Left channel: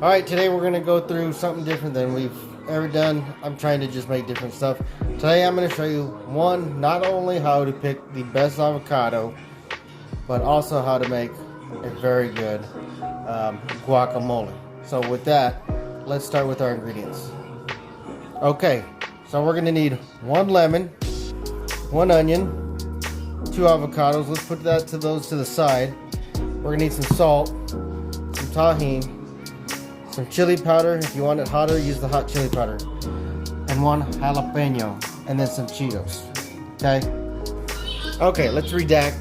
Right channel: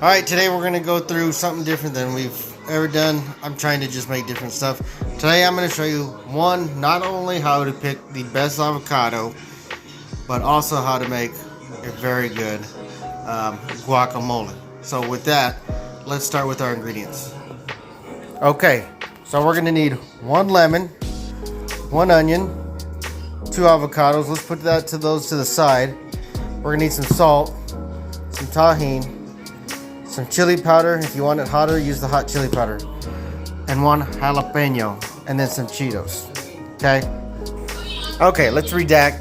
Alright, today we're going to go through something different than we've ever done. I'm trying to just make different stuff. Today I'm going to show you, not only how to pick the best avocado, but also how to make a very good guacamole. So with that, let's start with our ingredients. Okay, so we're going to need 1 lemon, 1 onion, 2 avocados. Let's put those to the side. We're going to need some salt, some tahini, some chili powder. If you want it hotter, use the hot chili powder. And 1 jalapeno. And then some Cheetos. Okay? Okay, let's redact.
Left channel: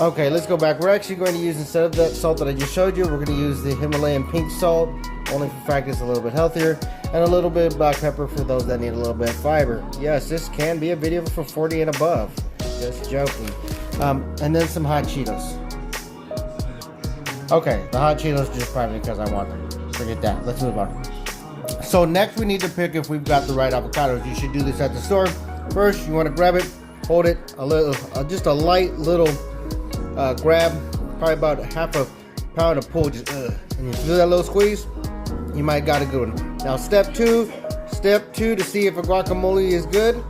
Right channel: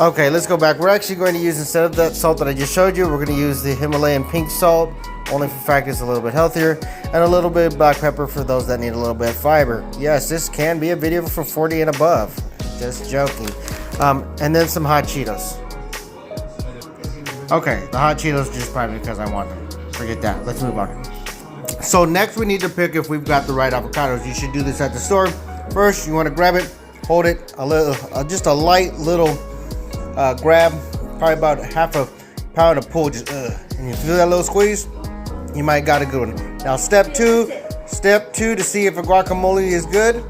Okay, let's go back. We're actually going to use, instead of that salt that I just showed you, we're going to use the Himalayan pink salt. Only for the fact it's a little bit healthier. And a little bit of black pepper for those that need a little bit of fiber. Yes, this can be a video for 40 and above. Just joking. And then some hot Cheetos. Okay, the hot Cheetos just probably because I want them. Forget that. Let's move on. So next we need to pick if we've got the right avocados. You should do this at the store. First, you want to grab it, hold it a little, just a light little grab, probably about half a pound of pull. Just and you feel that little squeeze, you might got a good one. Now step two to see if a guacamole is good,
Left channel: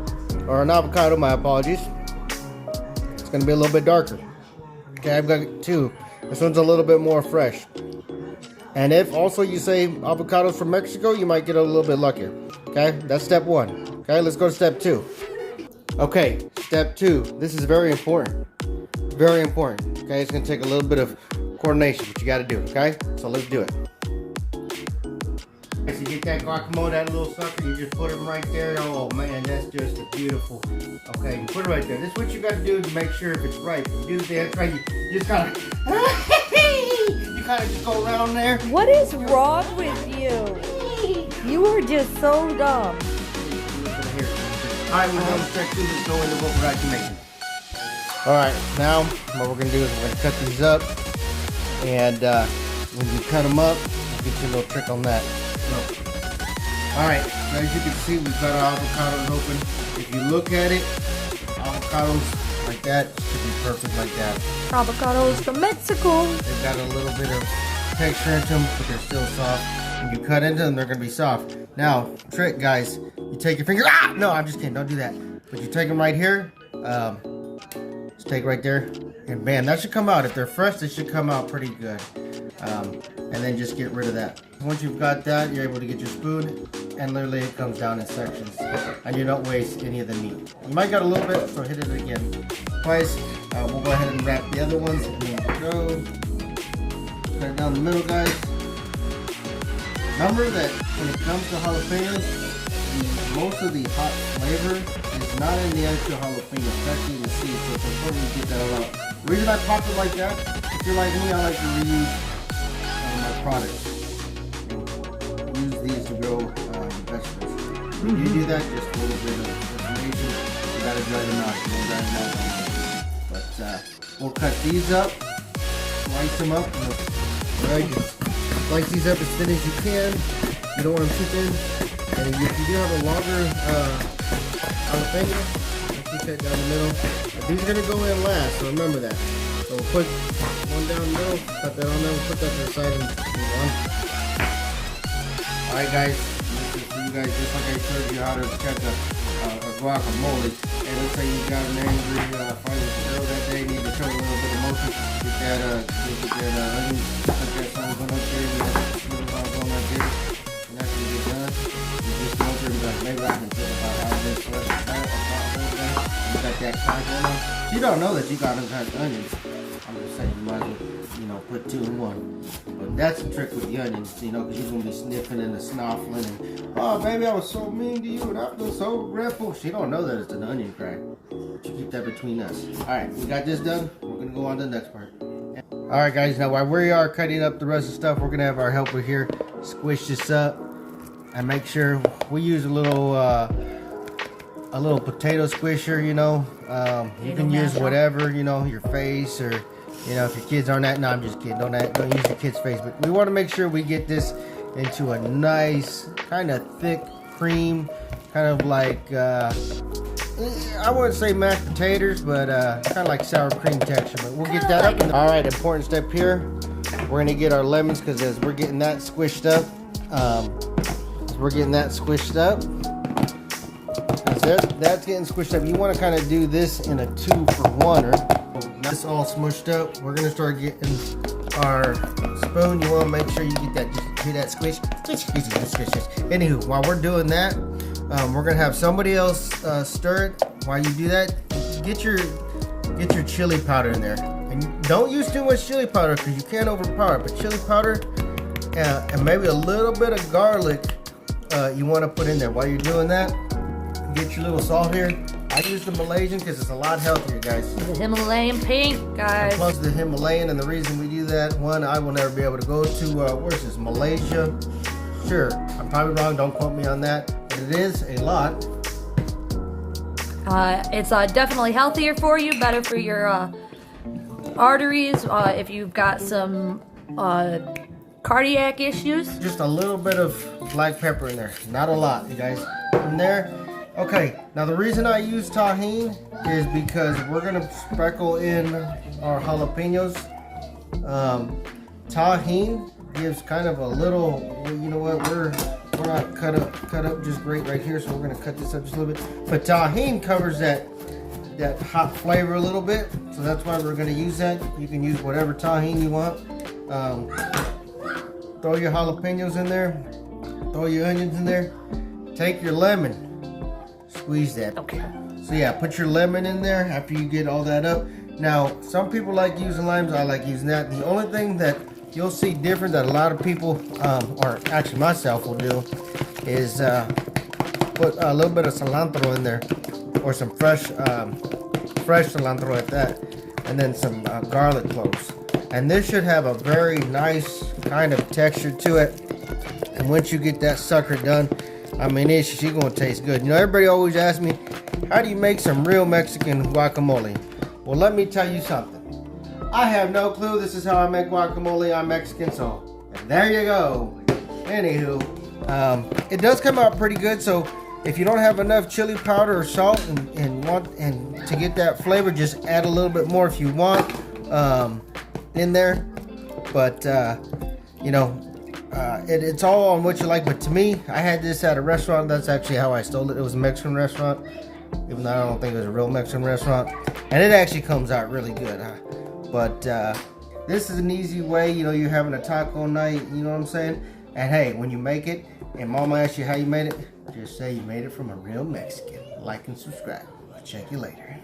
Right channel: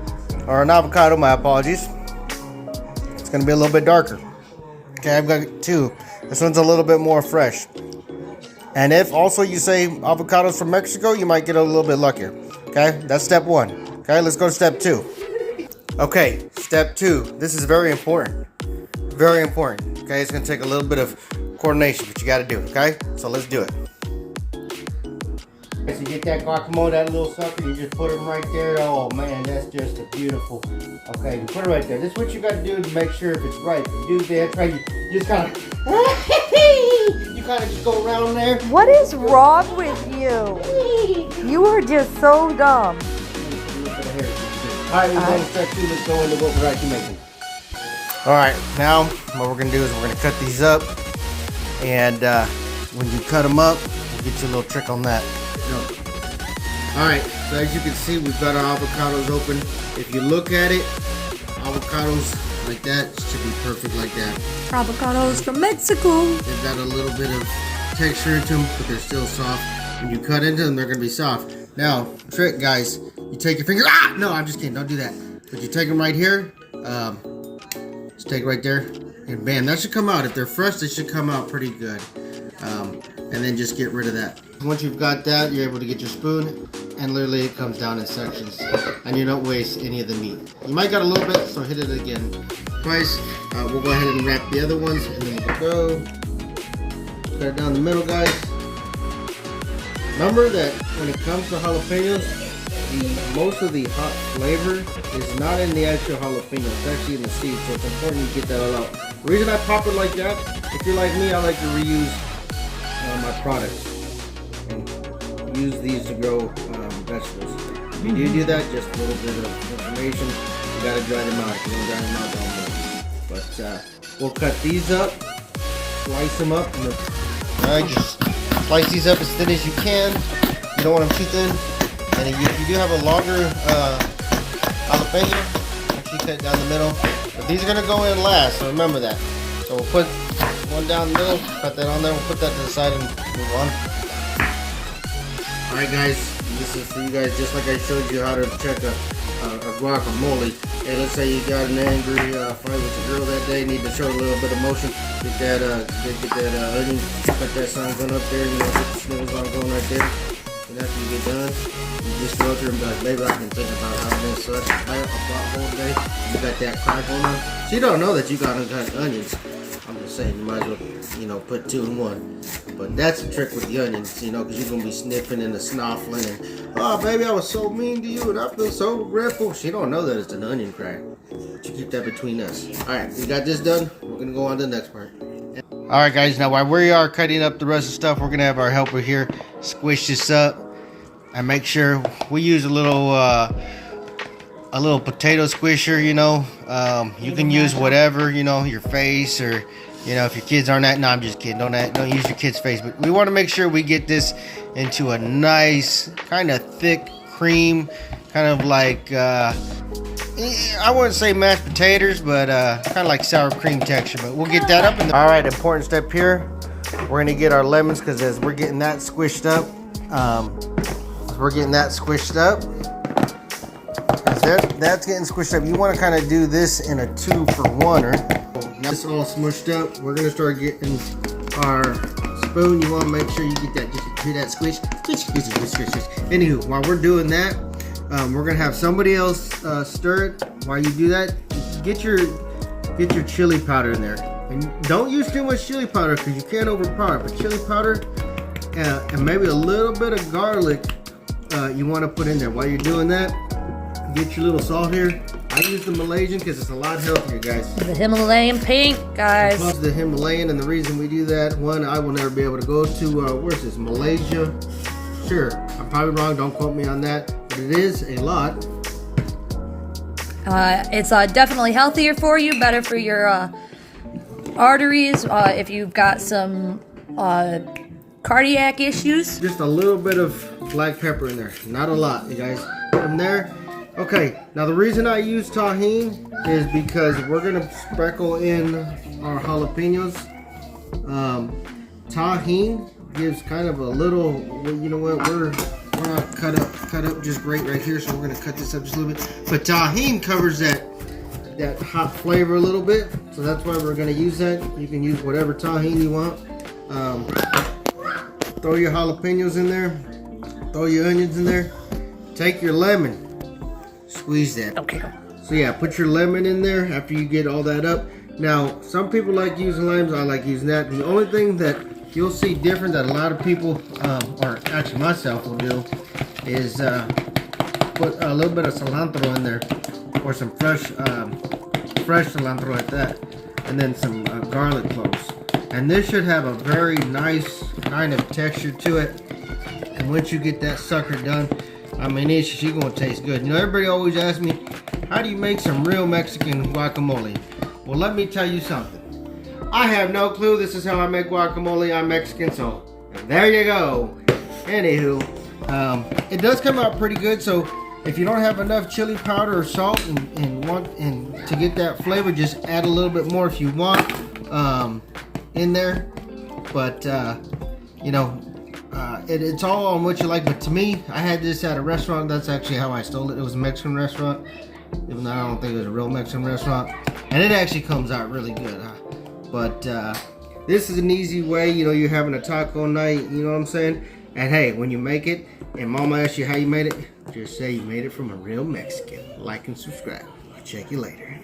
or an avocado. My apologies. It's gonna be a little bit darker. Okay, I've got 2. This one's a little bit more fresh. And if also you say avocados from Mexico, you might get a little bit luckier. Okay, that's step 1. Okay, let's go to step 2. Okay, step 2. This is very important. Very important. Okay, it's gonna take a little bit of coordination, but you gotta do it. Okay, so let's do it. So you get that guacamole, that little sucker, you just put them right there. Oh man, that's just a beautiful. Okay, you put it right there. This is what you got to do to make sure if it's right. You do that, try. You just kind of, you kind of just go around there. What is wrong with you? You are just so dumb. All right, we're going to start to go into what we're actually making. All right, now what we're going to do is we're going to cut these up, and when you cut them up, we'll get you a little trick on that. Alright, so as you can see, we've got our avocados open. If you look at it, avocados like that should be perfect like that. Avocados from Mexico. They've got a little bit of texture into them, but they're still soft. When you cut into them, they're going to be soft. Now, trick guys, you take your finger, no, I'm just kidding, don't do that. But you take them right here, just take it right there, and bam, that should come out. If they're fresh, they should come out pretty good. And then just get rid of that. Once you've got that, you're able to get your spoon, and literally it comes down in sections, and you don't waste any of the meat. You might got a little bit, so hit it again twice. We'll go ahead and wrap the other ones, and then we'll go cut it down the middle, guys. Remember that when it comes to jalapenos, most of the hot flavor is not in the actual jalapeno, it's actually in the seed, so it's important to get that all out. The reason I pop it like that, if you're like me, I like to reuse my products. Use these to grow vegetables. If you do that, just a little bit of information. You gotta dry them out. You don't dry them out all day. But we'll cut these up, slice them up. Alright, just slice these up as thin as you can. You don't want them too thin. And if you do have a longer jalapeno, make sure you cut it down the middle. But these are gonna go in last, so remember that. So we'll put one down the middle, cut that on there, we'll put that to the side and move on. Alright guys, this is for you guys, just like I showed you how to check a guacamole. Hey, let's say you got an angry fight with a girl that day, need to show a little bit of motion, get that onion, cut that sunken up there, you know, get the snippets on going right there. And after you get done, you just go through and be like, maybe I can think about how this such a guacamole day. You got that crack on there. So you don't know that you got uncut onions. I'm just saying, you might as well, you know, put 2 in 1. But that's a trick with the onions, you know, because you're going to be sniffing and snuffling. And, oh, baby, I was so mean to you and I feel so regretful. She don't know that it's an onion crack. But you keep that between us. All right, we got this done. We're going to go on to the next part. All right, guys, now while we are cutting up the rest of the stuff, we're going to have our helper here squish this up and make sure we use a little potato squisher, you know. You can use whatever, you know, your face, or you know, if your kids aren't that, no, I'm just kidding, don't use your kid's face, but we want to make sure we get this into a nice kind of thick cream, kind of like I wouldn't say mashed potatoes, but kind of like sour cream texture. But we'll get that up. All right, important step here. we're gonna get our lemons, because as we're getting that squished up, that's getting squished up. You want to kind of do this in a 2-for-1. This all smushed up. We're gonna start getting our spoon. You want to make sure you get that, just do that squish. Anywho, while we're doing that, we're gonna have somebody else stir it. While you do that, get your chili powder in there, and don't use too much chili powder because you can't overpower it. But chili powder and maybe a little bit of garlic you want to put in there. While you're doing that, get your little salt here. I use the Malaysian because it's a lot healthier, guys. The Himalayan pink, guys. Plus the Himalayan, and the reason we do that, one, I will never be able to go to where's this, Malaysia? Sure, I'm probably wrong. Don't quote me on that. But it is a lot. It's definitely healthier for you, better for your arteries. If you've got some cardiac issues. Just a little bit of black pepper in there, not a lot, you guys. From there. Okay, now the reason I use tahini is because we're gonna sprinkle in our jalapenos. Tahini gives kind of a little, you know what, we're not cut up just great right here, so we're gonna cut this up just a little bit. But tahini covers that hot flavor a little bit, so that's why we're gonna use that. You can use whatever tahini you want. Throw your jalapenos in there, throw your onions in there, take your lemon. Squeeze that. Okay. So yeah, put your lemon in there after you get all that up. Now, some people like using limes. I like using that. The only thing that you'll see different that a lot of people, or actually myself, will do is put a little bit of cilantro in there, or some fresh cilantro like that, and then some garlic cloves. And this should have a very nice kind of texture to it. And once you get that sucker done, I mean, she's gonna taste good. You know, everybody always asks me, how do you make some real Mexican guacamole? Well, let me tell you something. I have no clue. This is how I make guacamole. I'm Mexican, so there you go. Anywho, it does come out pretty good. So if you don't have enough chili powder or salt and want to get that flavor, just add a little bit more if you want in there. But you know. It's all on what you like, but to me, I had this at a restaurant. That's actually how I stole it. It was a Mexican restaurant, even though I don't think it was a real Mexican restaurant, and it actually comes out really good. But this is an easy way. You know, you're having a taco night, you know what I'm saying? And hey, when you make it and mama asks you how you made it, just say you made it from a real Mexican. Like and subscribe. I'll check you later.